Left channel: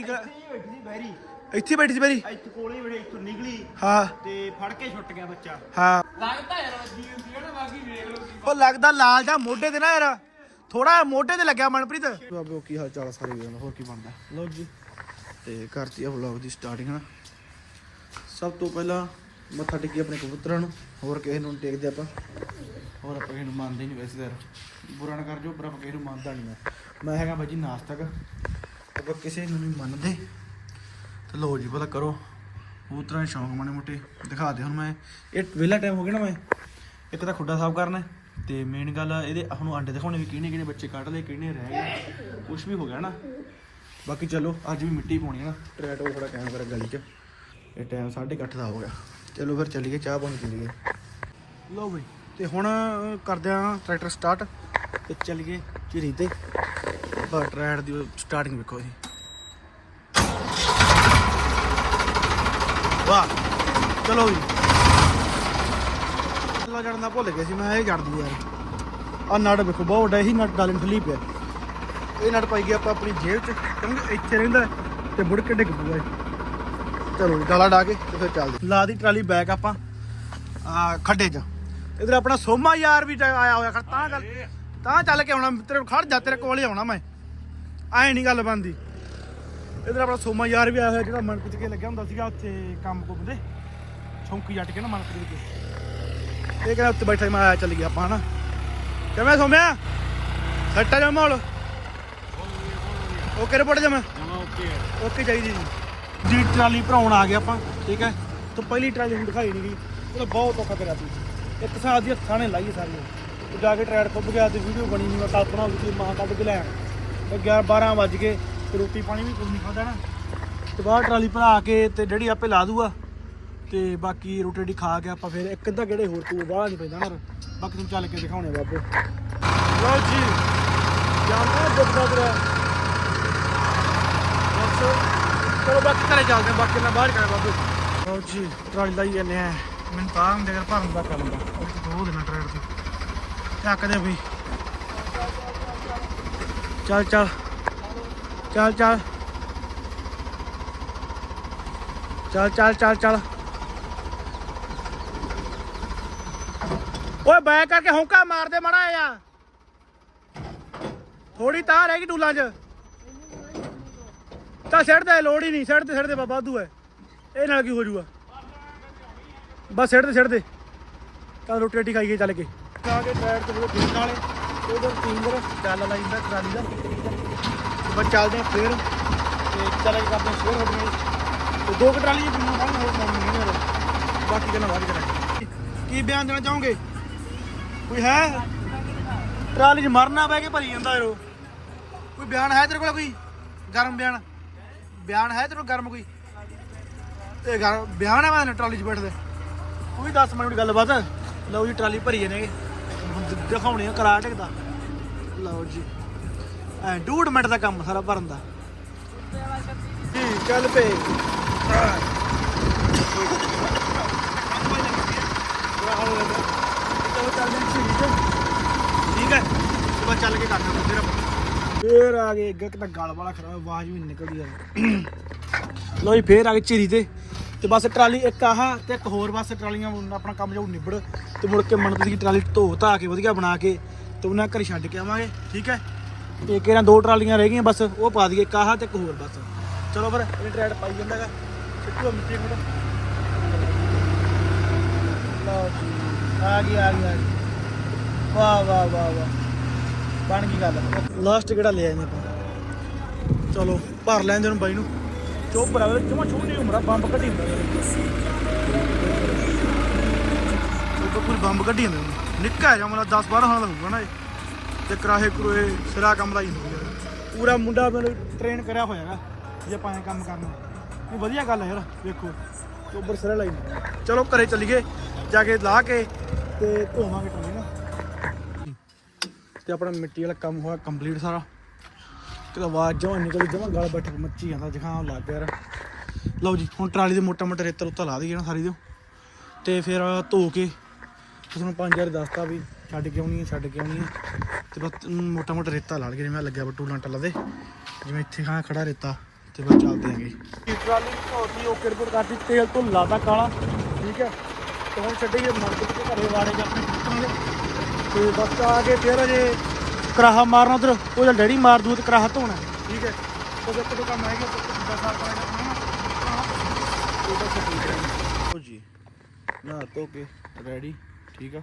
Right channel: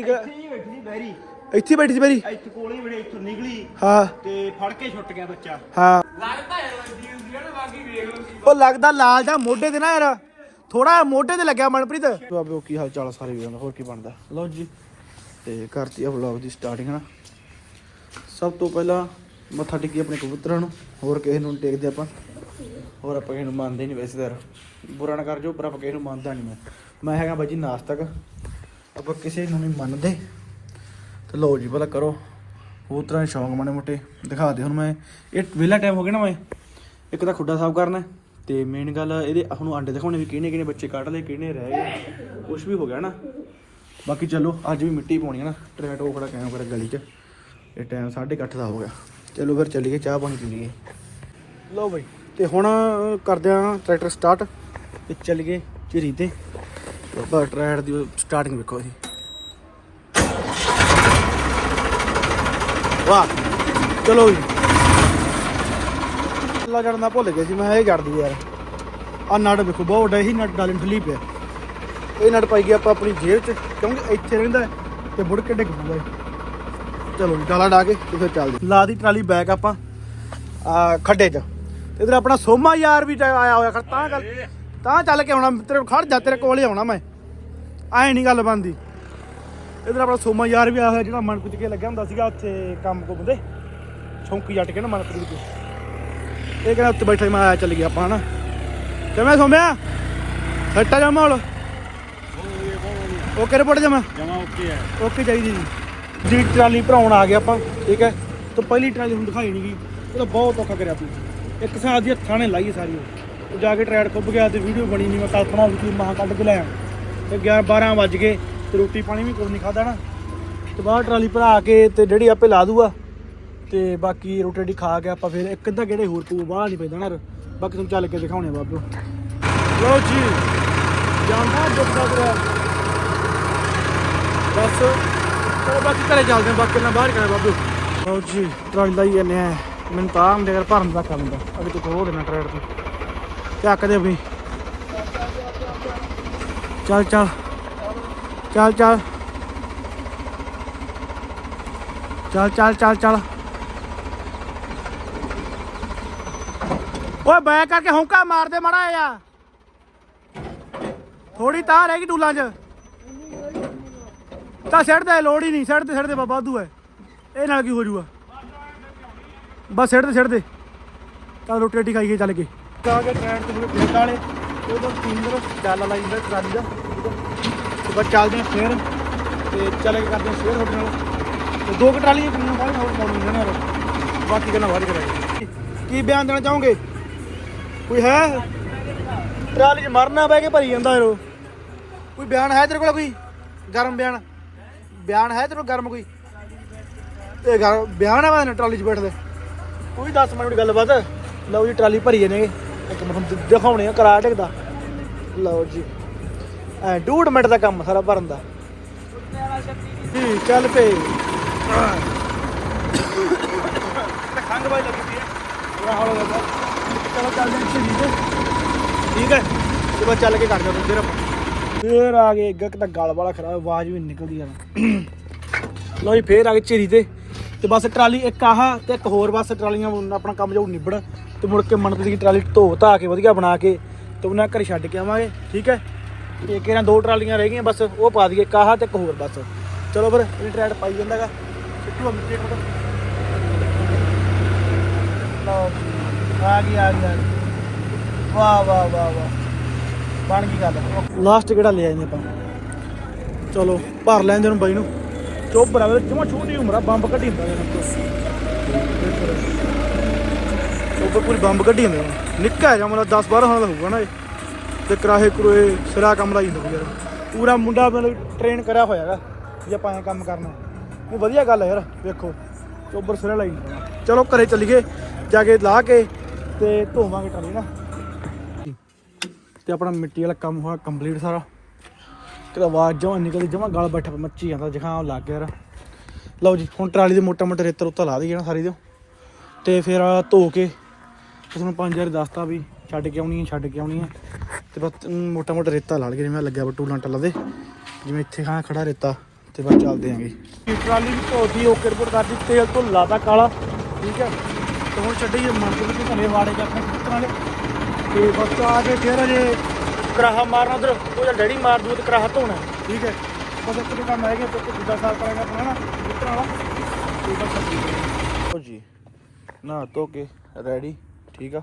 ਇੱਥੇ ਹੀ ਬੈਠੀ ਸੀ ਬੈਰੀ ਇੱਥੇ ਬੈਠੀ ਸੀ ਮੇਰੀ ਇੱਥੇ ਕੋਲੇ ਹੀ ਬੜੇ ਇੱਥੋਂ ਨਿਕਲੀ। ਹਾਂ। ਤੇ ਫੜ ਕੇ ਛੁੱਟ ਗਿਆ ਬੱਚਾ। ਹਾਂ। ਉਹ ਲੱਗਦਾ ਲਾਲ ਜਾਂ ਮੋਢੇ ਤੇ ਨਾ ਯਾਰ। ਥੋੜਾ ਮੋਢੇ ਤੇ ਲੱਗਿਆ ਮਨਪ੍ਰੀਤ। ਬਾਬੇ ਕੀ ਹਾਲ ਚਾਲ ਸਾਰੇ ਵੀਰਾਂ ਦਾ ਹੋਰ ਕੀ ਬਣਦਾ? ਲਓ ਜੀ ਤੇ ਕਰਤੀ ਆ ਵਲੌਗ ਦੀ ਸਟਾਰਟਿੰਗ ਨਾ ਸਭ ਤੋਂ ਪਹਿਲਾਂ ਮੱਥਾ ਟੇਕੀ ਆਪਣੇ ਕਬੂਤਰਾਂ ਨੂੰ ਹੋਰ ਕਿਸੇ ਨੂੰ ਟੇਕਦੇ ਆਪਾਂ। ਹੋਰ ਆਪਾਂ ਕਿਸੇ ਨੂੰ ਮੰਨਦੇ ਨਹੀਂ ਵੈਸੇ ਯਾਰ। ਬੁਰਾ ਨਾ ਕਰ ਜੋ ਪਰ ਆਪਾਂ ਕਿਸੇ ਨੂੰ ਮੰਨਦਾ ਨਹੀਂ ਮੈਂ। ਮੈਂ ਹੈਗਾ ਬਾਜੀ ਨਾਸਤਕ। ਆਪਾਂ ਕਿਸੇ ਨੂੰ ਨਹੀਂ ਮੰਨਦੇ। ਤੇ ਲਓ ਜੀ ਪਤਾ ਕਰੋ ਹੋਰ ਤਰ੍ਹਾਂ ਦੇ ਸ਼ੌਂਕ ਮਾੜੇ ਮੋਟੇ। ਦਿਖਾ ਦੇ ਹੁਣ ਮੈਂ। ਇਹ ਵਿਹਲਾ ਟਾਈਮ ਹੋ ਗਿਆ ਨਾ ਮੈਂ। ਇੱਕ ਤਾਂ ਖੁੱਡਾ ਸਾਫ਼ ਕਰਨਾ ਹੈ, ਤੇ ਮੇਨ ਗੱਲ ਇਹਦੇ ਹੁਣ ਆਂਡੇ ਦਿਖਾਉਣੇ ਵੀ ਕਿਹਨੇ ਕਿਹਨੇ ਬੱਚੇ ਕੱਢ ਲਏ ਕਿਹਨੇ ਰਹਿ ਗਏ। ਕੁਝ ਵੀ ਹੋ ਗਿਆ ਨਾ। ਬਾਕੀ ਚਲੋ ਅੱਜ ਵੀ ਮਿੱਟੀ ਪਾਉਣੀ ਹੈ ਨਾ। ਟਰੈਕਟਰ ਉਹ ਖੜਾ ਕਹਿਣਾ ਪਰ ਗਲੀ 'ਚ। ਇਹ ਟਾਈਮ 8:30 ਦਾ ਹੋ ਗਿਆ। ਚਲੋ ਫਿਰ ਚੱਲੀਏ ਚਾਹ ਪਾਣੀ ਪੀ ਲਈਏ। ਲਓ ਬਈ ਤੇ ਹੁਣ ਕਰਦੇ ਆ ਟਰੈਕਟਰ ਸਟਾਰਟ ਤੇ ਚੱਲੀਏ ਝਿਰੀ ਤੇ। ਤੇ ਬਾ ਟਰੈਕਟਰ ਦੀ ਸਟਾਰਟਿੰਗ ਵੇਖੋ ਜੀ। ਵਾਹ ਚਲੋ ਜੀ। ਲਾ ਜੜਨਾ ਭੁੱਲ ਗਏ ਸੀ ਮੈਂ ਇਹ ਜੜਦੀ ਯਾਰ। ਆ ਨਟ ਵੇਖੋ ਬਹੁਤ ਵੱਡਾ ਹੀ ਨਟ ਗਾਲਿੰ ਠੱਲੀ ਪਿਆ ਇਹ ਨਟ ਪਾਈ ਗਿਆ ਆਪਾਂ ਆਪਣੀ ਜੇਬ 'ਚ ਕਿਉਂਕਿ ਇੱਥੇ ਰਹਿੰਦਾ ਤੇ ਮੁੜ ਕੇ ਡਿੱਗ ਇਹ। ਚਲੋ ਜੀ ਡਾਲਾ ਡਾ ਕੇ ਫਿਰ ਚੱਲਦੇ ਲਾ ਦੀ ਟਰਾਲੀ ਬੈਕ ਆਪਾਂ ਆ ਖੱਡੇ 'ਚ। ਇਧਰ ਆਪਣਾ ਸੋਮਾ ਯਾਰ ਵੀ ਆਇਆ ਹੋਇਆ ਤਾਂ ਕਰ ਤਾਂ ਚੱਲ ਕੇ ਆਉਣਾ ਤੇਰੇ ਖੜ ਜਾ ਤੇਰੇ ਕੋਲ ਹੀ ਆਉਣਾ ਮੈਂ। ਐ ਨਹੀਂ ਗੱਲ ਬਣਦੀ। ਇਧਰ ਆਪਣਾ ਸੋਮਾ ਯਾਰ ਵੀ ਆਇਆ ਹੋਇਆ ਜਿਹੜਾ ਮਨਪ੍ਰੀਤ ਕੇ ਲੱਗਿਆ ਹੁੰਦਾ ਸੀਗਾ ਉੱਥੇ ਕੰਮ ਕੋ ਬੰਦੇ ਛੌਂਕੀ ਜੱਟ ਕੇ ਨਾ ਮਨਪ੍ਰੀਤ ਕੇ। ਇਹ ਕਹਿੰਦਾ ਉੱਤੇ ਬੈਠਾ ਮੈਂ ਆਇਆ ਚੱਲ ਗਿਆ ਆਪਾਂ ਹਨਾ। ਕਿਵੇਂ ਸੋਮਿਆ? ਸੱਟਾ ਜਾ ਮਾਹੌਲ? ਓਕੇ ਰਿਪੋਰਟ ਜਮਾ। ਜਮਾ ਓਕੇ ਹੈ ਓਕੇ ਚਾਹੀਦੀ ਜੀ। ਜੀ ਟਰਾਲੀ ਭਰਾਉਣ ਆ ਗਏ ਆਪਾਂ ਠੀਕ ਹੈ? ਤਾਂ ਪਹਿਲੀ ਟਰਾਲੀ ਹੁਣ ਦਿਖਾਈ ਨਹੀਂ ਗਈ। ਉਹਦਾ ਬਹੁਤ ਔਖਾ ਕਰਿਆ ਤੂੰ ਇੱਕ ਸਾਲ ਦੀ ਹੱਥਾਂ ਨੇ ਲਾਈ ਸਾਰੀ। ਉਹ ਜਾ ਕੇ ਟਰੈਡ ਖੁੱਬ ਗਿਆ ਤੇ ਵੀਡੀਓ ਬਣੀ ਨਹੀਂ ਮੈਂ ਕਲਪਨਾ ਵੀ ਮਹਾਂ ਕੱਢ ਕੇ ਲਿਆ ਤੇ 11 12 ਵੱਜ ਗਏ ਤੇ ਰੋਟੀ ਪਾਣੀ ਵੀ ਕੁਝ ਨਹੀਂ ਖਾਦਾ ਨਾ। ਤੇ ਬਾਹਰ ਟਰਾਲੀ ਭਰਾ ਕੇ ਤੇ ਡੈਡੀ ਆਪੇ ਲਾ ਦੂਗਾ ਤੇ ਬਾਕੀ ਰੋਟੀ ਰੋਟੀ ਖਾ ਕੇ ਆਪਾਂ ਫਿਰ ਇੱਕ ਅੱਧਾ ਕਿਹੜੇ ਹੋਰ ਕੋਈ ਬਾਹਰ ਨਹੀਂ ਪੈਂਦਾ ਯਾਰ। ਬਾਕੀ ਤੁਹਾਨੂੰ ਚੱਲ ਕੇ ਦਿਖਾਉਣੇ ਬਾਪੂ। ਲੋ ਜੀ ਬਸ ਬਾਕੀ ਘਰੇ ਚੱਲਦੇ ਬਾਕੀ ਨਾ ਬਾਹਰ ਕਰੇ ਬਾਬੂ ਲਓ ਜੀ, ਟਰਾਲੀ ਲਾਈ ਜਾਂਦੇ ਆ। ਮੈਨੂੰ ਤਾਂ ਆਉਂਦੇ ਯਾਰ ਭਰਨ ਦਾ ਕੰਮ ਅਭੀ ਤੂੰ ਹੋ ਦੇਣਾ ਟਰੈਡ ਤੇ ਚੱਕ ਦੇ ਵੀ। ਚੱਲ ਚੱਲ। ਚੱਲ ਚੱਲ। ਚੱਲ ਚੱਲ ਚੱਲ ਚੱਲ। ਓਏ ਬੈ ਕਰਕੇ ਹੌਂਕਾ ਮਾਰਦੇ ਮੜਾ ਆ ਥੋੜੀ ਤਾਂ ਰਹਿ ਗਈ ਟੂਲਾਂ 'ਚ। ਤਾਂ ਸਿਰ ਤੇ ਲੋੜ ਹੀ ਨਹੀਂ। ਸਿਰ ਤੇ ਸਿਰ ਤੇ ਬਾਬਾ ਵਾਧੂ ਹੈ। ਇਹ ਨਾਲ ਕੀ ਹੋ ਜੂਗਾ? ਬਸ ਸਿਰ ਤੇ ਸਿਰ ਤੇ ਚੱਲ ਰੋਟੀ ਰੋਟੀ ਖਾਈਏ ਚੱਲ ਕੇ ਤਾਂ ਕੇ ਟ੍ਰੈਨ ਤੋਂ ਖੇਤ ਵਾਲੇ ਉਦੋਂ ਤਿੰਨ ਚੱਲ ਲਾਈ ਦਾ ਟਰਾਲੀ ਦਾ ਤੇ ਬਸ ਚੱਲਦੀ ਫੇਰ, ਤੇ ਚੱਲ ਕਰਦੇ ਸ਼ੇਅਰ ਤੁਹਾਡੇ ਨਾਲ। ਤੇ ਦੋ ਕੁ ਟਰਾਲੀਆਂ ਬਾਹਰ ਨਾਲ ਨੇ ਬਾਕੀ ਗੱਲਾਂ ਬਾਅਦ ਕਰਾਂਗੇ। ਕੀ ਬਿਆਨ ਦੇਣਾ ਚਾਹੋਗੇ? ਕੋਈ ਹੈ? ਟਰਾਲੀ 'ਚ ਮਰਨਾ ਬਹਿ ਕੇ ਭਰੀ ਜਾਂਦਾ ਯਾਰ ਕੋਈ ਬਿਆਨ ਹੈ ਤੇਰੇ ਕੋਲ ਕੋਈ? ਗਰਮ ਬਿਆਨ? ਬਿਆਨ ਹੈ ਤੇਰੇ ਕੋਲ ਗਰਮ ਕੋਈ? ਤੇ ਗਰ ਬਿਆਨ ਹੈ ਮੈਂ ਟਰਾਲੀ 'ਚ ਬੈਠਦੇ ਕੋਈ ਦੱਸ ਮੈਨੂੰ ਗੱਲਬਾਤ। ਲਓ ਜੀ, ਟਰਾਲੀ ਭਰੀ ਜਾਂਦੇ ਇੱਕ ਮਿੰਟ ਤੁਹਾਨੂੰ ਦਿਖਾਉਣੇ ਆ ਕਰਾ ਟਿਕਦਾ ਲਓ ਜੀ। ਐ ਡੂਢ ਮਿੰਟ ਦਾ ਕੰਮ ਸਾਰਾ ਭਰਨ ਦਾ। ਜੀ ਚੱਲ ਖੰਗ ਲੱਗੀ ਪਈ ਠੀਕ ਹੈ ਤੇ ਚੱਲ ਕੇ ਕੱਢ ਜਾ ਫਿਰ ਆਪਾਂ। ਫੇਰ ਆ ਗਏ ਅੱਗੇ ਤਾਂ ਗਲ ਵਾਲਾ ਖਰਾਬ ਆਵਾਜ਼ ਵੀ ਨਿਕਲਦੀ ਯਾਰ ਲੋ ਜੀ ਫੇਰ ਆ ਗਏ ਝੀਰੀ ਤੇ। ਤੇ ਬਸ ਟਰਾਲੀ ਇੱਕ ਆਹ ਤੇ ਇੱਕ ਹੋਰ ਬਸ ਟਰਾਲੀਆਂ ਆਪਣਾ ਕੰਮ ਜਾਊ ਨਿਬੜ ਤੇ ਮੁੜ ਕੇ ਮਨਪ੍ਰੀਤ ਦੀ ਟਰਾਲੀ ਧੋ ਧਾ ਕੇ ਵਧੀਆ ਬਣਾ ਕੇ ਤੇ ਉਹਨਾਂ ਘਰ ਛੱਡ ਕੇ ਆਵਾਂਗੇ ਠੀਕ ਹੈ? ਤੇ ਕਿਹਨਾਂ ਦੋ ਟਰਾਲੀਆਂ ਰਹਿ ਗਈਆਂ ਬਸ ਉਹ ਪਾ ਦਈਏ ਇੱਕ ਆਹ ਤੇ ਇੱਕ ਹੋਰ ਬਸ। ਚਲੋ ਫਿਰ ਇਹ ਟਰੈਡ ਪਾਈ ਜਾਂਦਾਗਾ ਲਾਸਟ ਕਿਹੜਾ ਲੈ ਆਏ ਆਪਾਂ? ਚਲੋ ਭਰ ਲੈਂਦੇ ਨੂੰ ਬਾਈ ਨੂੰ। ਚੁੱਪ ਬਰਾਬਰ ਤੂੰ ਛੋਟੀ ਉਮਰ ਆ, ਬੰਬ ਕੱਢੀ ਹੁੰਦਾ ਉਹ ਪੂਰੀ ਬੰਬ ਕੱਢੀ ਜਾਂਦਾ ਨਿੱਕਾ ਜਿਹਾ ਮਤਲਬ 10 12 ਸਾਲ ਦਾ ਹੋਊਗਾ ਨਾ ਇਹ। ਤੇ ਕਰਾਹੇ ਕਰੋਏ ਸਿਰਾ ਕੰਮ ਲਾਈ ਜਾਂਦਾ ਯਾਰ। ਪੂਰਾ ਮੁੰਡਾ ਮਤਲਬ ਟ੍ਰੇਨ ਕਰਿਆ ਹੋਇਆ ਹੈਗਾ ਜੇ ਆਪਾਂ ਐਂ ਕੰਮ ਕਰਨਾ। ਇਹ ਵਧੀਆ ਗੱਲ ਹੈ ਯਾਰ, ਵੇਖੋ। ਚੋਬਰ ਸਿਰੇ ਲਾਈ ਹੁੰਦਾ। ਚਲੋ ਘਰੇ ਚੱਲੀਏ, ਜਾ ਕੇ ਲਾ ਕੇ ਤੇ ਧੋਵਾਂਗੇ ਟਰਾਲੀ ਨਾ। ਤੇ ਆਪਣਾ ਮਿੱਟੀ ਵਾਲਾ ਕੰਮ ਹੋਇਆ ਕੰਪਲੀਟ ਸਾਰਾ। ਕਿਤੇ ਆਵਾਜ਼ ਜਮਾ ਨਿਕਲਦੀ, ਜਮਾ ਗਾਲ ਬੈਠਾ ਮੱਚੀ ਜਾਂਦਾ ਜ਼ੁਕਾਮ ਲੱਗ ਗਿਆ ਲਓ ਜੀ, ਹੁਣ ਟਰਾਲੀ ਦੇ ਮੋਟਾ ਮੋਟਾ ਰੇਤਰ ਉੱਤਾ ਲਾ ਦਈਏ ਨਾ ਸਾਰੀ ਦੇ ਤੇ ਫਿਰ ਧੋ ਕੇ ਤੁਹਾਨੂੰ ਪੰਜ ਹਜ਼ਾਰ ਦੱਸਤਾ ਵੀ ਛੱਡ ਕੇ ਆਉਣੀ ਹੈ, ਛੱਡ ਕੇ ਆਉਣੀ ਹੈ। ਤੇ ਬਸ ਮੋਟਾ ਮੋਟਾ ਰੇਤਾ ਲਾ ਲਈਏ, ਜਿਵੇਂ ਆਹ ਲੱਗਿਆ ਵਾ ਟੂਲਾਂ ਟੱਲਾ ਦੇ। ਜਿਵੇਂ ਇੱਥੇ ਖਾਂ ਖੜਾ ਰੇਤਾ, ਤੇ ਬਸ ਚੱਲਦੇ ਆਂਗੇ ਟਰਾਲੀ ਦੀ ਧੋਤੀ ਓਕੇ ਰਿਪੋਰਟ ਕਰ ਤੋਂ ਲਾਦਾ ਕਾਲਾ। ਠੀਕ ਹੈ। ਹੋਰ ਚੱਡੀ ਮੰਗ ਕੇ ਘਰੇ ਵਾੜੇ ਜਾ ਆਪਣੇ ਤੇ ਬੱਚਾ ਆ ਕੇ ਫਿਰ ਅਜੇ ਕਰਾਹਾ ਮਾਰਨਾ ਉਧਰ ਉਹ ਜਲ ਡੈਡੀ ਮਾਰ ਦੂ ਤੇ ਕਰਾਹਾ ਧੋਣਾ। ਠੀਕ ਹੈ। ਉਹ ਫਿਰ ਕਿਤੇ ਕੰਮ ਆਏਗਾ ਪੁੱਤ ਦੂਜਾ ਸਾਲ ਕਰਾਂਗਾ ਆਪਣਾ ਨਾ। ਪੁੱਤਰਾਂ ਵਾਲਾ। ਤੇ ਲਓ ਜੀ ਨਾ ਧੋ ਕੇ ਰੈਡੀ ਠੀਕ ਆ।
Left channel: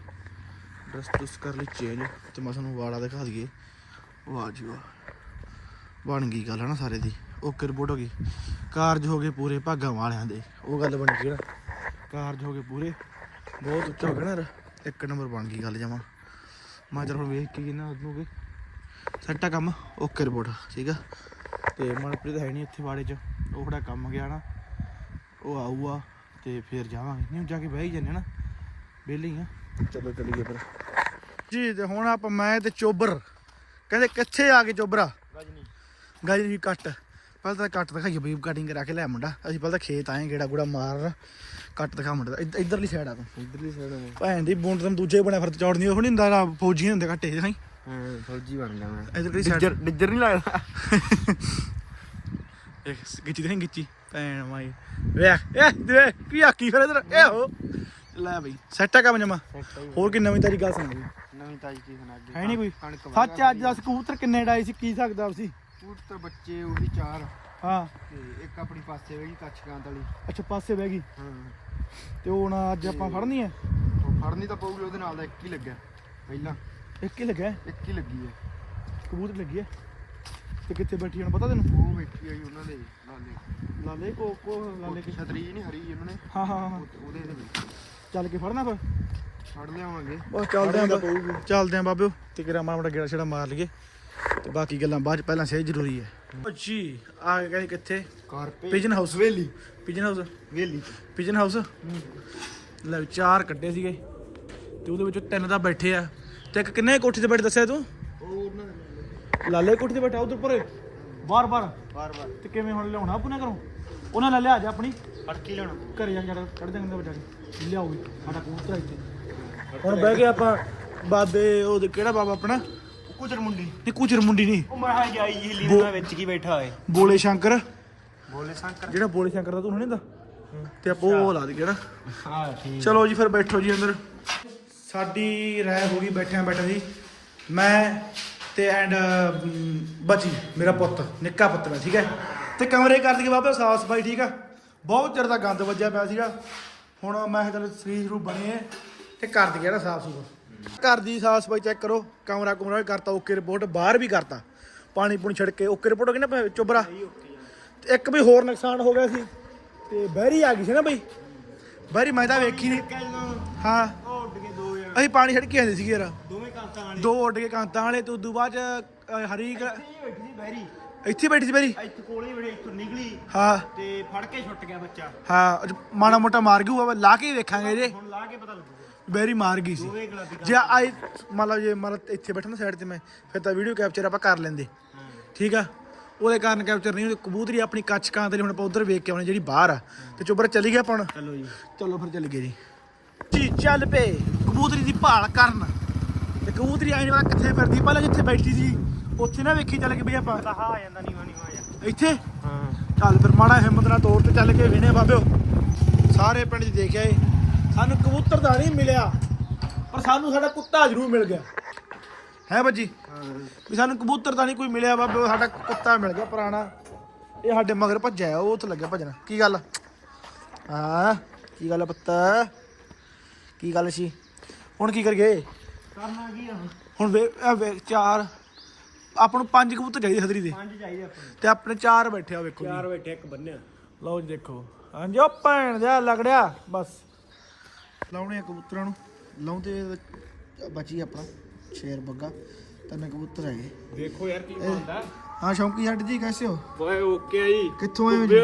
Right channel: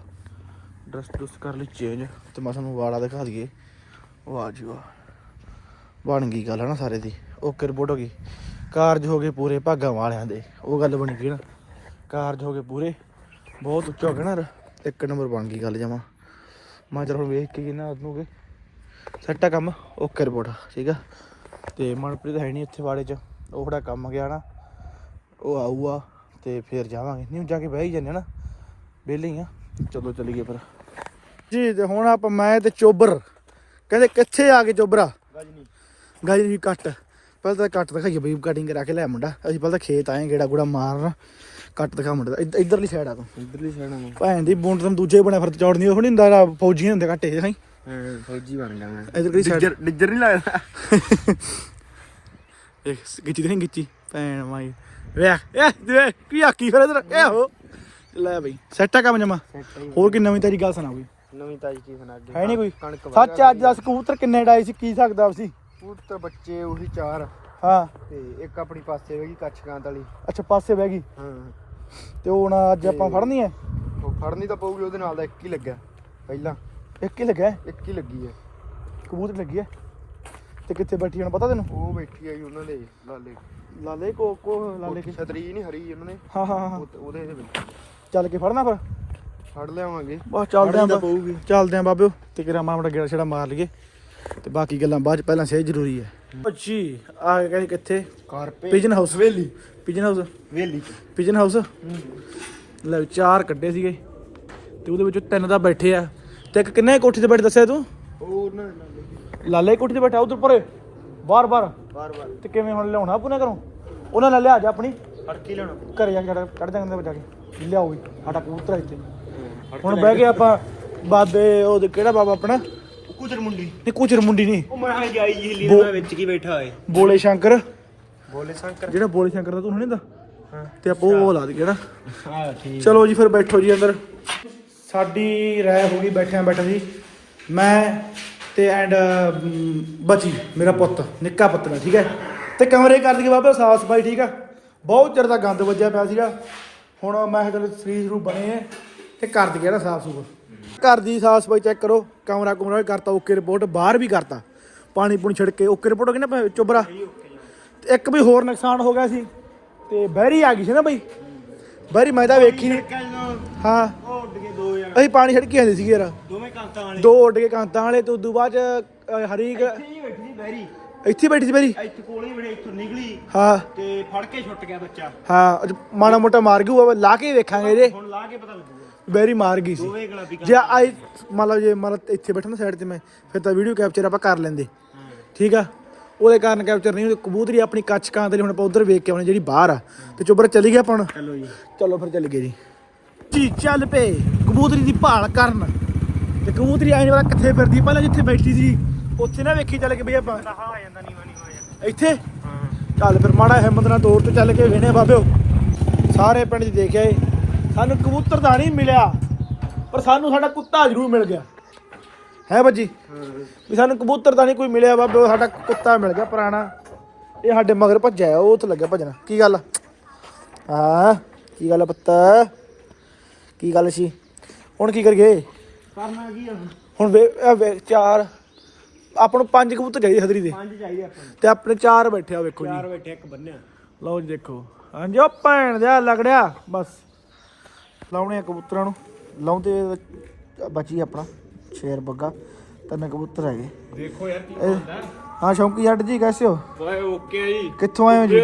ਡਰੈਸ ਡਰੈਸ ਕਰ ਲਈ ਚੇਂਜ ਤੇ ਮੈਂ ਤੁਹਾਨੂੰ ਵਾਲਾ ਦਿਖਾ ਦਈਏ। ਵਾਹ ਜੀ ਵਾਹ। ਬਣ ਗਈ ਗੱਲ ਹੈ ਨਾ ਸਾਰੇ ਦੀ। ਓਕੇ ਰਿਪੋਰਟ ਹੋ ਗਈ? ਕਾਰਜ ਹੋ ਗਏ ਪੂਰੇ ਭਾਗਾਂ ਵਾਲਿਆਂ ਦੇ। ਉਹ ਗੱਲ ਬਣ ਗਈ ਨਾ। ਕਾਰਜ ਹੋ ਗਏ ਪੂਰੇ। ਬਹੁਤ ਉੱਚਾ ਹੋ ਗਿਆ ਨਾ ਇੱਕ ਨੰਬਰ ਬਣ ਗਈ ਗੱਲ ਜਮਾ। ਮੈਂ ਚਲ ਹੁਣ ਵੇਖ ਕੇ ਜੀ ਨਾ ਉਹਨੂੰ ਕਿ ਸੈੱਟ ਕੰਮ ਓਕੇ ਰਿਪੋਰਟ ਠੀਕ ਆ? ਤੇ ਮਨਪ੍ਰੀਤ ਹੈ ਨਹੀਂ ਇੱਥੇ ਵਾੜੇ 'ਚ ਉਹ ਥੋੜਾ ਕੰਮ ਗਿਆ ਨਾ ਉਹ ਆਊਗਾ ਤੇ ਫਿਰ ਜਾਵਾਂਗੇ। ਨਹੀਂ ਜਾ ਕੇ ਬਹਿ ਹੀ ਜਾਂਦੇ ਨਾ ਵਿਹਲੇ ਹੀ ਆ। ਚਲੋ ਚਲੀਏ ਫਿਰ। ਜੀ ਤੇ ਹੁਣ ਆਪਾਂ ਮੈਂ ਤੇ ਚੋਬਰ ਕਹਿੰਦੇ ਕਿੱਥੇ ਆ ਗਏ ਚੋਬਰਾ? ਗਜਨੀ। ਗਾਜੀ ਕੱਟ। ਪਹਿਲਾਂ ਤਾਂ ਕੱਟ ਦਿਖਾਈਏ ਬਈ ਕਟਿੰਗ ਕਰਾ ਕੇ ਲੈ ਮੁੰਡਾ। ਅਸੀਂ ਪਹਿਲਾਂ ਤਾਂ ਖੇਤ ਆਏ ਗੇੜਾ ਗੁੜਾ ਮਾਰਨ। ਕੱਟ ਦਿਖਾ ਮੁੰਡਾ ਦਾ। ਇੱਧ- ਇੱਧਰਲੀ ਸਾਈਡ ਆ ਤੂੰ। ਇਧਰਲੀ ਸਾਈਡ ਨੂੰ ਭੈਣ ਦੀ ਬੁੰਡ ਤੋਂ ਦੂਜੇ ਬਣੇ ਫਿਰ ਚੌੜਨੀ ਉਹ ਨਹੀਂ ਹੁੰਦਾ ਜਿਹੜਾ ਫੌਜੀ ਹੁੰਦੇ ਕੱਟੇ ਨਹੀਂ ਹਾਂ? ਫੌਜੀ ਬਣ ਗਿਆ ਮੈਂ। ਇੱਧਰਲੀ ਸਾਈਡ ਡਿੱਜਰ ਨਹੀਂ ਲੱਗਦਾ ਇੱਕ ਗਿੱਚੀ ਤੇ ਨਹੀਂ ਗਿੱਚੀ? ਭੈਣ ਮਾਈ ਵੇਖ ਇਹ ਦੇ ਕੀ ਆਕੀ ਫਿਰ ਇਧਰ? ਇਹ ਹੋ। ਲੈ ਬਈ। ਸੈੱਟ ਆ ਕੰਮ ਜਮਾ। ਹੋਰ ਕੀ ਨਵੀਂ ਤੇਰੀ ਗੱਲ ਸੁਣਾ ਬਈ। ਨਵੀਂ ਤਾਜੀ ਕੀ ਸੁਣਾ ਦੇ ਹੈ ਨਹੀਂ ਕੋਈ। ਕਣਕ ਸੱਚ ਅੱਜ ਦੱਸ ਕਬੂਤਰ ਕਿੰਨੇ ਡਾਈ ਸੀ ਕੀ ਸਕਦਾ ਸੀ? ਪੁੱਤਰ ਬੱਚੇ ਉਹੀ ਚਾਰ। ਹਾਂ। ਤੇ ਇੱਕ ਆਪਣੀ ਪਾਸੇ ਵੇਗੀ ਕੱਚਕਾਂਤ ਵਾਲੀ। ਅੱਛਾ ਪਾਸੇ ਬਹਿ ਗਈ। ਹਾਂ। ਤੇ ਉਹ ਹੁਣ ਅੱਜ ਆਪਾਂ ਫੜਨੀ ਹੈ? ਉਹ ਫੜਨੀ ਤਾਂ ਪਊਗੀ ਉਹਦੇ ਨਾਲ ਦਾ ਇੱਕ ਹੀ ਲੱਗਿਆ ਪਹਿਲਾਂ। ਇੱਕ ਹੀ ਲੱਗਿਆ? ਹੈ, ਇੱਕ ਹੀ ਲੱਗੀ ਹੈ। ਕਬੂਤਰ ਲੱਗੀ ਹੈ? ਤੇ ਕਿੱਥੇ ਬੈਠੀ ਹੁਣ ਪਤਾ ਤੈਨੂੰ? ਉਹ ਬੈਠੀ ਆਈ ਉਹਨਾਂ ਦੇ ਲਾਲੇ। ਲਾਲੇ ਕੋ ਕੋ ਲਾਲੇ ਕੀ ਛਤਰੀ ਨਹੀਂ ਹਰੀ ਉਹਨਾਂ ਨੇ। ਹਾਂ ਹਾਂ ਹਾਂ। ਉਹ- ਉਹਦੇ ਦੇ ਵਿੱਚ। ਚੱਲ ਕੇ ਫੜਨਾ ਫਿਰ? ਫੜ ਲਿਆਵਾਂਗੇ। ਬਸ ਚੱਲਦੇ ਆਂ ਬਾ-। ਚੱਲਦੇ ਆਂ ਬਾਬਿਓ। ਤੇ ਕਿਰਾ ਮਾੜਾ ਮੋਟਾ ਗੇੜਾ ਛੜਾ ਮਾਰ ਲਈਏ। ਤੇ ਬਾਕੀ ਗੱਲਾਂ ਬਾਅਦ ਚ ਪਹਿਲਾਂ ਸਹੀ ਜ਼ਰੂਰੀ ਹੈ। ਅੱਛੀ ਆ ਕੇ ਕਹਿੰਦੇ ਕਿੱਥੇ? ਕਾਰਪੇ ਪਿਜਨ ਹਾਊਸ ਵੇਲੀ। ਪਿਜਨ ਹਾਊਸ ਵੇਲੀ ਪਿਜਨ ਹਾਊਸ ਲੈ ਚਾਰ ਕੱਢੇ ਸੀਗੇ। ਤੇ ਉਹਦੇ ਵਿੱਚੋਂ ਤਿੰਨ ਤਾਂ ਬੈਠੇ ਆ। ਤੇ ਇੱਕ ਕਿੰਨੇ ਕੋਠੀ ਤੇ ਬੈਠ ਦੱਸਿਆ ਤੂੰ? ਉਹ ਦੇ ਲਾਲੇ ਕੋਠੀ ਤੇ ਬੈਠਾ ਉਧਰ ਪਰੇ? ਬਾਰ ਬਾਰ ਬਾਰ ਬਾਰ ਤੇ ਕਿਵੇਂ ਹੁਣ ਲਿਆਉਣਾ ਪੁਨੇ ਕਰੋ ਉਹਨਾਂ ਨਾਲ ਲਿਆ ਜਾ ਆਪਣੀ। ਲੈਣਾ ਘਰੇ ਜਾ ਕੇ ਕੱਢ ਦਾਂਗੇ ਜਾ ਕੇ ਲਿਆਓ ਸਾਡਾ ਕਬੂਤਰ ਇੱਥੇ। ਹੁਣ ਬਹਿ ਗਏ ਆਪਾਂ। ਬਾਬੇ ਉਹ ਕਿਹੜਾ ਬਾਬਾ ਆਪਣਾ? ਕੁਚਰ ਮੁੰਡੀ। ਨਹੀਂ ਕੁਚਰ ਮੁੰਡੀ ਨਹੀਂ। ਉਹ ਮੈਂ ਆ ਗਿਆ ਇਹ ਲੀਨਾ ਵਿੱਚ ਕੀ ਬੈਠਾ ਹੋਏ। ਬੋਲੇ ਸ਼ੰਕਰ। ਬੋਲੇ ਸ਼ੰਕਰ। ਜਿਹੜਾ ਬੋਲੇ ਸ਼ੰਕਰ ਦਾ ਤੂੰ ਨਹੀਂ ਦਾ ਤੇ ਆਪਾਂ ਉਹ ਲਾ ਦਈਏ ਨਾ। ਹਾਂ ਠੀਕ। ਚਲੋ ਜੀ ਫਿਰ ਬੈਠੋ ਜੀ ਅੰਦਰ। ਸਾਡੀ ਰਾਇ ਹੋ ਗਈ ਬੈਠਿਆਂ ਬੈਠਾ ਜੀ ਮੈਂ ਤੇ ਐਂਡ ਬਚੀ ਮੇਰਾ ਪੁੱਤ ਨਿੱਕਾ ਪੁੱਤ ਨੇ ਠੀਕ ਹੈ? ਤੇ ਕਮਰੇ ਕਰ ਦਈਏ ਬਾਬਾ ਸਾਫ਼ ਸਫ਼ਾਈ ਠੀਕ ਆ? ਬਹੁਤ ਚਿਰ ਦਾ ਗੰਦ ਵੱਜਿਆ ਪਿਆ ਸੀਗਾ। ਹੁਣ ਮੈਂ ਚਲ ਸਰੀਰ ਨੂੰ ਬਣੇ ਤੇ ਕਰ ਦਈਏ ਨਾ ਸਾਫ਼ ਸੁਫ ਘਰ ਦੀ ਸਾਫ਼ ਸਫ਼ਾਈ ਚੈੱਕ ਕਰੋ ਕਮਰਾ ਕੁਮਰਾ ਵੀ ਕਰਤਾ ਓਕੇ ਰਿਪੋਰਟ ਬਾਹਰ ਵੀ ਕਰਤਾ। ਪਾਣੀ ਪੂਣੀ ਛਿੜਕ ਕੇ ਓਕੇ ਰਿਪੋਰਟ ਹੋ ਗਈ ਨਾ ਚੁਬਰਾ ਤੇ ਇੱਕ ਵੀ ਹੋਰ ਨੁਕਸਾਨ ਹੋ ਗਿਆ ਸੀ ਤੇ ਬਹਿਰੀ ਆ ਗਈ ਸੀ ਨਾ ਬਈ। ਬਹਿਰੀ ਮੈਂ ਤਾਂ ਵੇਖੀ ਨਹੀਂ ਹਾਂ। ਉਹ ਉੱਡ ਕੇ ਦੋ ਜਣ। ਅਸੀਂ ਪਾਣੀ ਛਿੜਕੀ ਆਂਦੇ ਸੀਗੇ ਯਾਰ। ਦੋਵੇਂ ਕਾਂਤਾਂ ਵਾਲੇ। ਦੋ ਉੱਡ ਕੇ ਕਾਂਤਾਂ ਵਾਲੇ ਤੇ ਉਦੋਂ ਬਾਅਦ ਹਰੀਕ ਇੱਥੇ ਬੈਠੀ ਸੀ ਬੈਰੀ ਇੱਥੇ ਹੀ ਬੈਠੀ ਸੀ ਬਹਿਰੀ? ਇੱਥੇ ਕੋਲੇ ਬੜੇ ਇੱਥੋਂ ਨਿਕਲੀ। ਹਾਂ। ਤੇ ਫੜ ਕੇ ਛੁੱਟ ਗਿਆ ਬੱਚਾ। ਹਾਂ ਮਾੜਾ ਮੋਟਾ ਮਾਰ ਉਹ ਲਾ ਕੇ ਵੇਖਾਂਗੇ ਇਹਦੇ। ਹੁਣ ਲਾ ਕੇ ਪਤਾ ਲੱਗੂਗਾ। ਬਹਿਰੀ ਮਾਰ ਗਈ ਸੀ। ਦੋਵੇਂ ਗੁਲਾਬੀ ਜੇ ਆਈ ਮਤਲਬ ਜੇ ਮਤਲਬ ਇੱਥੇ ਬੈਠਾ ਨਾ ਸਾਈਡ ਤੇ ਮੈਂ ਫਿਰ ਤਾਂ ਵੀਡੀਓ ਕੈਪਚਰ ਆਪਾਂ ਕਰ ਲੈਂਦੇ। ਠੀਕ ਆ? ਉਹਦੇ ਕਾਰਨ ਕੈਪਚਰ ਨਹੀਂ ਹੋਈ। ਕਬੂਤਰੀ ਆਪਣੀ ਕੱਚ ਕਾਂ ਤੇ ਹੁਣ ਆਪਾਂ ਉਧਰ ਵੇਖ ਕੇ ਆਉਣੀ ਜਿਹੜੀ ਬਾਹਰ ਆ। ਤੇ ਚੁੱਬਰ ਚੱਲੀ ਗਿਆ ਆਪਾਂ ਚਲੋ ਜੀ। ਚਲੋ ਫਿਰ ਚੱਲ ਗਏ ਜੀ। ਜੀ ਚੱਲ ਪਏ। ਕਬੂਤਰੀ ਦੀ ਭਾਲ ਕਰਨ। ਤੇ ਕਬੂਤਰੀ ਆਇਨ ਵਾਲਾ ਕਿੱਥੇ ਫਿਰਦੀ। ਪਹਿਲਾਂ ਜਿੱਥੇ ਬੈਠੀ ਸੀ ਉੱਥੇ ਨਾ ਵੇਖੀ ਚੱਲ ਕੇ ਬਈ ਆਪਾਂ। ਇੱਥੇ? ਚੱਲ ਫਿਰ ਮਾੜਾ ਹਿੰਮਤ ਨਾਲ ਤੋੜ ਤੇ ਚੱਲ ਕੇ ਵੇਣੇ ਬਾਬਿਓ। ਸਾਰੇ ਪਿੰਡ 'ਚ ਦੇਖਿਆ ਏ। ਸਾਨੂੰ ਕਬੂਤਰ ਤਾਂ ਨਹੀਂ ਮਿਲਿਆ ਪਰ ਸਾਨੂੰ ਸਾਡਾ ਕੁੱਤਾ ਜ਼ਰੂਰ ਮਿਲ ਗਿਆ। ਹੈ ਬੱਜੀ? ਵੀ ਸਾਨੂੰ ਕਬੂਤਰ ਤਾਂ ਨਹੀਂ ਕੋਈ ਮਿਲਿਆ ਬਾਬਿਓ ਸਾਡਾ ਕੁੱਤਾ ਮਿਲ ਗਿਆ ਪੁਰਾਣਾ। ਇਹ ਸਾਡੇ ਮਗਰ ਭੱਜਿਆ ਉਹ ਉੱਥੇ ਲੱਗਿਆ ਭੱਜਣਾ। ਕੀ ਗੱਲ? ਹਾਂ ਕੀ ਗੱਲ ਆ ਪੁੱਤ? ਕੀ ਗੱਲ ਸੀ? ਹੁਣ ਕੀ ਕਰੀਏ? ਕਰਨਾ ਕੀ ਆ ਹੁਣ? ਹੁਣ ਵੇ ਇਹ ਵੇ- ਚਾਰ। ਆਪਾਂ ਨੂੰ ਪੰਜ ਕਬੂਤਰ ਚਾਹੀਦੇ ਹਦਰੀ ਦੇ। ਪੰਜ ਚਾਹੀਦੇ ਆਪਾਂ ਨੂੰ। ਤੇ ਆਪਣੇ ਚਾਰ ਬੈਠੇ ਆ ਵੇਖੋ ਜੀ। ਚਾਰ ਬੈਠੇ ਇੱਕ ਬੰਨਿਆ। ਲਓ ਜੀ ਦੇਖੋ। ਹਾਂਜੀ ਉਹ ਭੈਣ ਦਾ ਲੱਗੜਿਆ ਬਸ। ਲਾਉਣੇ ਆ ਕਬੂਤਰਾਂ ਨੂੰ। ਲਾਉਂਦੇ ਬਚੀ ਆਪਣਾ ਸ਼ੇਰ ਬੱਗਾ ਤਿੰਨ ਕਬੂਤਰ ਹੈਗੇ। ਦੇਖੋ ਯਾਰ ਕੀ ਇਹ- ਹਾਂ ਸ਼ੌਂਕੀ ਜੱਟ ਜੀ ਕੈਸੇ ਹੋ ਓਏ ਓਕੇ ਜੀ। ਕਿੱਥੋਂ ਆਏ ਹੋ ਜੀ?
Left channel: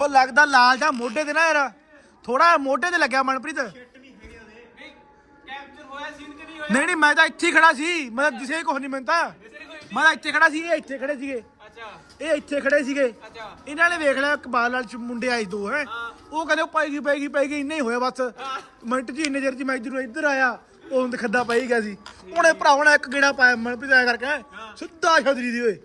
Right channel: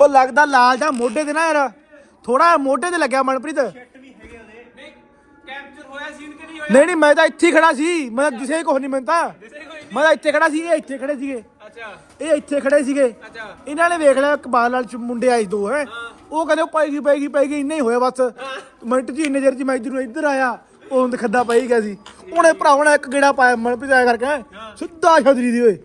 ਉਹ ਲੱਗਦਾ ਲਾਲ ਜਾਂ ਮੋਢੇ ਤੇ ਨਾ ਯਾਰ। ਥੋੜਾ ਮੋਢੇ ਤੇ ਲੱਗਿਆ ਮਨਪ੍ਰੀਤ। ਨਹੀਂ ਨਹੀਂ ਮੈਂ ਤਾਂ ਇੱਥੇ ਖੜਾ ਸੀ। ਮੈਂ ਦਿਸੇ ਕੁਝ ਨਹੀਂ ਮੈਨੂੰ ਤਾਂ ਮੈਂ ਇੱਥੇ ਖੜਾ ਸੀ ਇਹ ਇੱਥੇ ਖੜੇ ਸੀਗੇ। ਇਹ ਇੱਥੇ ਖੜੇ ਸੀਗੇ। ਇਹਨਾਂ ਨੇ ਵੇਖ ਲਿਆ ਕਬਾਲ ਨਾਲ ਚ ਮੁੰਡੇ ਆਏ ਦੋ ਹੈ। ਉਹ ਕਹਿੰਦੇ ਉਹ ਪਾਏਗੀ ਪਾਏਗੀ ਪਾਏਗੀ ਇੰਨਾ ਹੀ ਹੋਇਆ ਬਸ। ਮਿੰਟ ਜੀ ਇੰਨੇ ਚਿਰ ਚ ਮੈਂ ਇੱਧਰ ਨੂੰ ਇੱਧਰ ਆਇਆ ਉਹ ਹੁੰਦ ਖੱਦਾ ਪਈ ਗਿਆ ਸੀ। ਉਹਨੇ ਭਰਾਵਾਂ ਨੇ ਇੱਕ ਗੇੜਾ ਪਾਇਆ ਮਨਪ੍ਰੀਤ ਆਇਆ ਕਰਕੇ ਸਿੱਧਾ ਛਤਰੀ ਦੀ ਓਏ।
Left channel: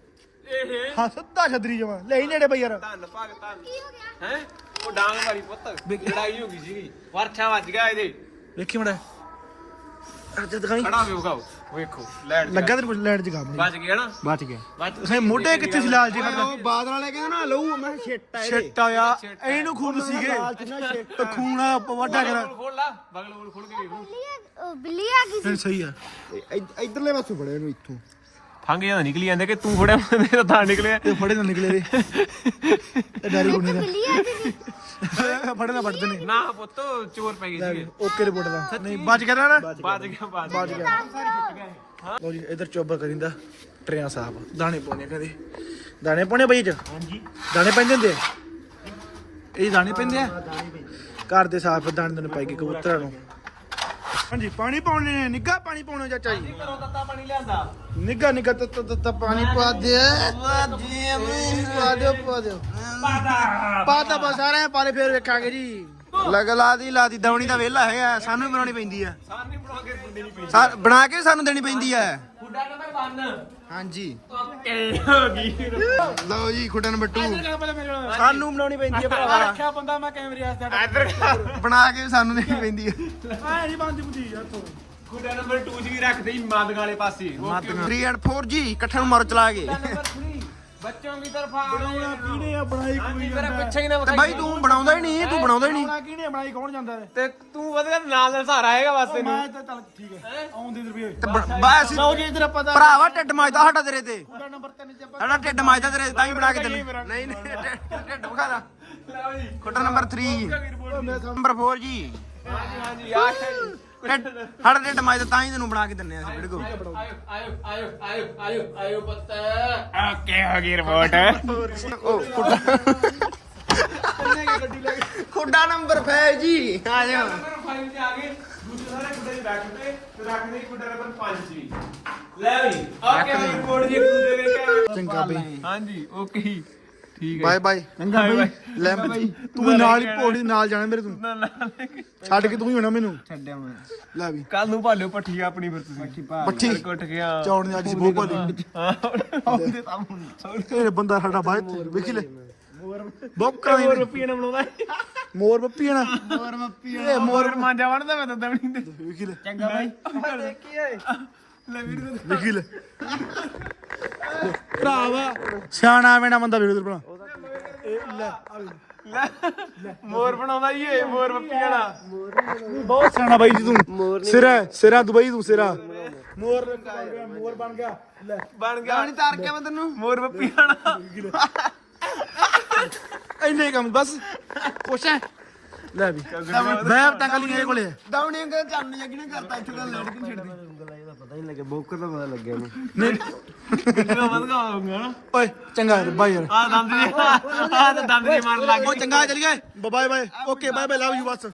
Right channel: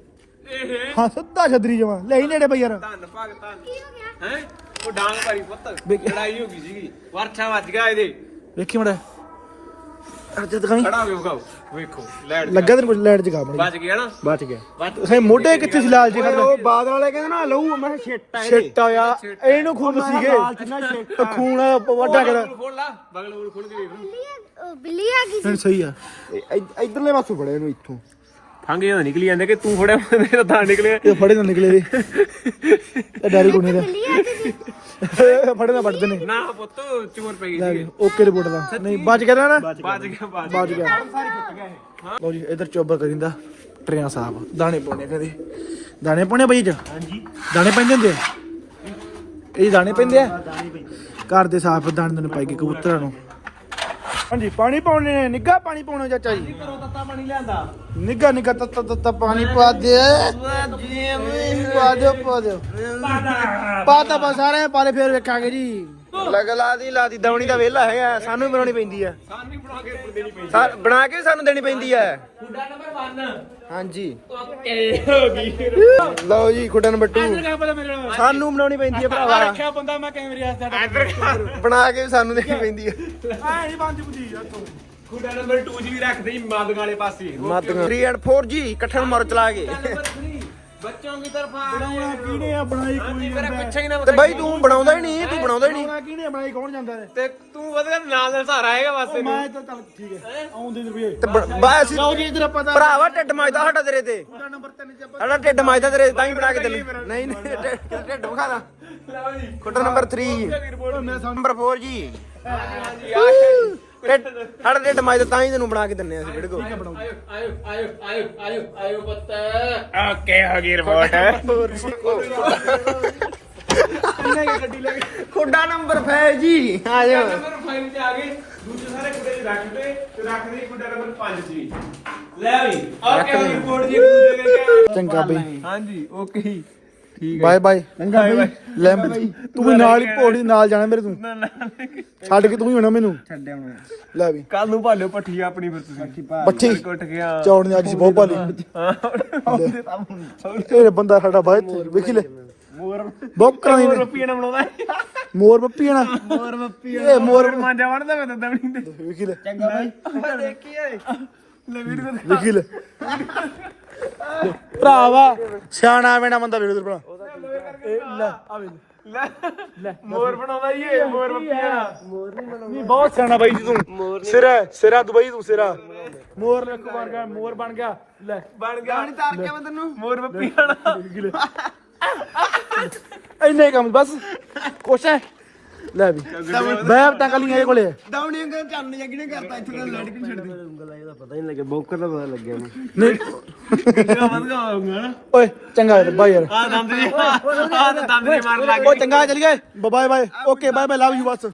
ਹਾਂ। ਸਿੱਧਾ ਛਤਰੀ ਜਮਾ। ਲੈ ਹੀ ਨੇੜੇ ਬਈ ਯਾਰ। ਧੰਨ ਭਗ ਧੰਨ। ਹੈ ਉਹ ਡਾਂਗ ਮਾਰੀ ਪੁੱਤ। ਲੜਾਈ ਹੋ ਗਈ ਸੀਗੀ। ਵਰਛਾ ਵੱਜ ਗਿਆ ਇਹਦੇ। ਵੇਖੀ ਮੜਾ। ਅੱਜ ਦਿਖਾਈ। ਖੜਾ ਹੋ ਕੇ ਵਿਖਾਓ। ਵੇਖੋ ਲੈਟ ਲੱਗਾ ਤੈਨੂੰ ਲੈਟ ਜਗਾ ਮੜੀ ਵੱਜ ਗਿਆ ਨਾ? ਬਚ ਗਿਆ। ਫੇ ਮੋਢੇ ਕਿੱਥੇ ਸੀ ਲਾਲ ਜੀ ਉਹ ਬਾਦਲ ਵਾਲੇ ਕਹਿੰਦੇ ਨਾ ਲਊ ਮੈਂ ਛੇਟਾ ਛਿੱਟ ਆਇਆ ਇਹਨੂੰ ਖੂਨ ਸੀਗੇ। ਖੂਨ ਵੱਡਾ ਕਰ। ਬਗਲ ਬਗਲ ਖੋਲ ਕੇ ਬਿੱਲੀ ਆ ਗਈ ਸਹੀ ਆ। ਇਧਰਲੇ ਪਾਸੋਂ ਫੜਿਆ ਇਹਨੂੰ ਇੱਥੋਂ। ਫੰਗ ਜਦੋਂ ਨਿਕਲੀ ਜਾਂਦੇ ਕਿ ਤੂੰ ਫੜਿਆ ਮੇਰਾ ਤਾਂ ਨਿਕਲਿਆ। ਇਹ ਫੜੇ ਨਾ ਨਿਕਲੇ ਦੇ ਇਹ ਡਾਰੀ ਕੋਣੀ ਦਾ। ਫੜੇ ਨਾ ਵੱਢਦੇ ਨੇ। ਨਾ ਪੁੱਤ ਚੋਰ ਪੈ ਗਈ ਸੀ ਓਕੇ ਰਿਪੋਰਟ ਦਾ। ਨਹੀਂ ਬਚ ਗਿਆ ਨਾ ਵੱਜ ਗਿਆ ਬਚ ਗਿਆ। ਲਓ ਜੀ ਇਧਰ ਚੋਬਰ ਕਰਿੰਦਾ ਟਰਿਆਂ ਸਾਹਿਬ। ਦਾਣੇ ਪਾਉਣੇ ਕਦੇ। ਦਾਣੇ ਪਾਉਣੇ ਬਈ ਜੀ ਹਾਂਜੀ। ਦਾਣੇ ਪੈਂਦੇ ਹੁੰਦੇ ਆ? ਇਹ ਦਾਣੇ ਪੈਂਦੇ ਆ? ਘਰ ਦੇ ਸਾਫ਼ ਦਾਣੇ ਦਾਣੇ ਪਾਈ ਕੇ ਕਬੂਤਰਾਂ ਨੂੰ। ਹਾਂਜੀ ਪਾਣੀ ਪਾਉਣੇ ਨੇ। ਨਿੱਗਾ ਪਾਣੀ ਪਾਉਣਾ ਚਾਚਾ ਜੀ। ਤੱਤਾ ਪਾਣੀ ਲਿਆਂਦਾ। ਨਿੱਗਾ ਨਿੱਗਾ ਤੱਤਾ ਤੱਤਾ ਪਾਣੀ ਪਾ ਦੇ। ਪਾ ਦਿਓ ਪਾ ਦਿਓ। ਪਾ ਤਾ ਬਸ ਸਾਰੇ ਪਾਲੇ ਫੇਰ ਵੇਖਾਂਗੇ ਜੀ। ਲਗ ਲਾ ਦੀ ਲਾ ਦੀ ਦਵਣੀ ਦਾ ਵੇਲਾ ਹੈ ਸਾਨੂੰ ਵੀ ਬਣਾਉਣੀ ਪੈਂਦੀ ਆ ਬਣਾ ਕੇ ਦੇਣੀ ਬਣਾ ਕੇ ਸਾਨੂੰ ਦੇਣੀ ਪੈਂਦੀ ਆ ਖੁੱਡਾ ਨੰਬਰ 1 ਹਾਂਜੀ। ਓਕੇ ਹੋ ਲਓ ਜੀ ਖੁੱਡਾ ਨੰਬਰ 2 ਪਤਾ ਮੇਰੇ ਨਾਲ ਸਾਨੂੰ ਬਣਾਉਣੀ ਪੈਂਦੀ ਆ ਭਰਾਵਾ। ਰੱਖਿਆ ਬੰਦਾ ਮੈਂ ਕੈਮਰੇ ਵਾਸਤੇ ਬਣਾ ਕੇ ਸਾਨੂੰ ਦੇਣੀ ਪੈਂਦੀ ਆ ਖੁੱਡਾ ਨੰਬਰ 2 ਜੀ ਵੀ ਰੱਖਦੇ ਹੀ ਮੱਦ ਵਾਲੇ ਪਾਸੇ। 3 ਐਂਡ 4 ਜੀ ਇਕੱਠੇ ਮਾਰੋ ਚਲਾ ਕੇ। ਬੱਚੋਂ ਦੀ ਤਰਫ ਆ ਕਿਹਨੇ ਆ ਬਣਾਈ ਕੋਈ ਮੇਰੇ ਪਿੱਛੇ ਹੀ ਨਾ ਤੇ ਬਾਈ ਤੂੰ ਬਣਾਉਂਦਾ ਹੀ ਨਹੀਂ ਤੂੰ ਬਣਾਉਂਦਾ ਹੀ ਨਹੀਂ। ਬਣਾਉਣਾ ਕਿਹਨੇ ਬਣਾਈ ਕੌਣ ਜਾਂਦਾ ਨੇ ਤੇ ਤੂੰ ਵਧੀਆ ਨਾਲ ਦੇ ਸਹਾਰਾ ਹੈਗਾ ਵਾਸਤੇ ਮੈਂ ਤਾਂ ਚੱਲ ਠੀਕ ਹੈ ਆਉਂਦੇ ਰੁਪਏ ਤੇ ਬ- ਅਸੀਂ ਲਓ ਜੀ ਇਧਰ ਪਤਾ ਭਰਾਵਾ ਢਿੱਡ ਮਾਜਦਾ ਸਾਡਾ ਤੇਰੇ ਤੇ। ਨੰਬਰ 3 ਚ ਆਪਾਂ ਸਾਡਾ ਢਿੱਡ ਮਾਜਦਾ ਤੇਰੇ ਤਾਂ ਹੀ ਬਣਾ ਕੇ ਦਿੰਦੇ ਨਹੀਂ ਨਹੀਂ ਢਿੱਡ ਢਿੱਡ ਵਿਖਾਣਾ ਖੁੱਡਾ ਨੰਬਰ 3 ਨੰਬਰ 4 ਜੀ। ਢਿੱਡ- ਸਾਡਾ ਢਿੱਡ ਮਾਜਦਾ ਤਾਂ ਹੀ ਤੈਨੂੰ ਬਣਾ ਕੇ ਦਿੰਨੇ ਅਸੀਂ ਵੀਡੀਓ ਆਇਓ ਆਇਓ ਆਇਓ ਆਇਓ ਆਇਓ ਆਇਓ ਪੁੱਤ। ਓਕੇ ਹੋ ਗਈ ਰਿਪੋਰਟ। ਖੁੱਡਾ ਨੰਬਰ 5 ਜੀ। ਆ ਜਾਓ ਨੰਬਰ 5 ਤੇ ਆ ਗਏ। ਦੂਜੇ ਸਾਰੇ ਖੁੱਡੇ ਚ ਰੱਖ ਦੇ ਤੇ ਰੱਖ ਦੇ ਖੁੱਡਾ ਨੰਬਰ 5 ਚ ਵੀ ਲੈ ਵੀ ਓਕੇ ਰਿਪੋਰਟ ਜੀ ਦੇ ਚੰਗਾ ਬਈ। ਹਾਂਜੀ ਓਕੇ। ਠੀਕ ਬਾਏ ਬਾਏ। ਚੰਗਾ ਬਈ। ਲੈ ਤੂੰ ਵੀ ਨਾਲ ਹੀ ਪੌੜੀ ਨਾਲ ਜਾਣਾ ਮੇਰੇ ਤੂੰ। ਛੱਡ ਕੇ ਤੂੰ ਹੀ ਹੋਣਾ ਮੈਨੂੰ। ਛੱਡਿਆ ਹੁਣ ਲੈ ਵੀ। ਕੱਲ ਨੂੰ ਭਾਲਿਓ ਪੱਠੀ ਆਪਣੀ ਫਿਰ ਤੁਸੀਂ। ਪੱਠੀ ਕੁੱਟ ਗਿਆ ਚੌੜ ਨੇ ਅੱਜ ਬਹੁਤ ਭਾਲੀ। ਇਹ ਬੰਦਾ ਸਾਡਾ ਬਾਈ ਵੇਖੀ ਲੈ। ਬਹੁਤ ਕਰਾਈ ਨੇ। ਪੀਣਾ ਬਣਾਉਂਦਾ। ਮੋਰ ਨਾ ਮੋਰ ਮੱਪੀ ਇਹ ਮੋਰ ਮਾਂਜਾ ਵੜਦਾ ਮੈਂ ਤਾਂ ਦਵਣੀ ਤੇ ਵੇਖੀ ਲੈ। ਚੰਗਾ ਬਾਈ। ਦੇਖੀ ਓਏ ਲੈ ਵੀਡੀਓ ਵੇਖੀ ਲੈ। ਭਰਾਵਾ ਸਿਆਣਾ ਬੈਣਾ ਬੰਦਾ ਵੀਰ ਭਰਾ। ਇਹ ਲੈ ਆ ਵੇ ਮੋਰ ਬਣਾਉਂਦਾ ਈ ਇਹ ਮੋਰ ਬੱਪੀਆਂ ਬਹੁਤ ਸਿਆਣਾ ਬਾਈ ਜੀ ਤੂੰ। ਸਿਰਾ ਸਿਰਾ ਦੁਬਈ ਤੂੰ ਸਿਰਾ। ਮੋਰ ਇੱਕ ਬਣ ਗਿਆ ਮੋਰ ਬਣ ਗਿਆ। ਲੈ। ਬਣ ਗਿਆ। ਨਹੀਂ ਤਾਰ ਕੇ ਮੈਂ ਤੈਨੂੰ। ਮੋਰ ਬੱਪੀਆਂ ਇੰਨੇ ਹੀ ਕੰਮ ਬਸ। ਕੁਛ ਹੈ। ਲੈ ਵੀ। ਬੈਬ ਟੰਗ ਲਈ ਇਹਦੇ ਕੋਲੇ। ਦਵਣੀ ਅੰਗਲ ਚੰਨ ਜੱਗੀ ਨੇ ਕਰਤਾ ਇੱਥੇ ਤਾਂ ਲੈਟ ਕਿ ਛੱਡਦੀ। ਪਤਾ ਨਹੀਂ ਲੱਗਿਆ ਬੋਕਰ ਦਾ ਪਤਾ ਲੱਗਿਆ ਨਹੀਂ ਨਹੀਂ। ਕਿੰਨਾ ਵਧਗਾ ਹੋਊਗਾ? ਨਾ ਓਏ ਚੰਗਾ ਯਾਰ ਬਾਈ ਯਾਰ। ਆ ਦੰਦ ਦੀ ਆ ਦੰਦ ਦੀ ਮਾਰਨ ਲੱਗ ਓ ਚੰਗਾ ਚੱਲ ਗਏ bye bye okay bye bye love you bus.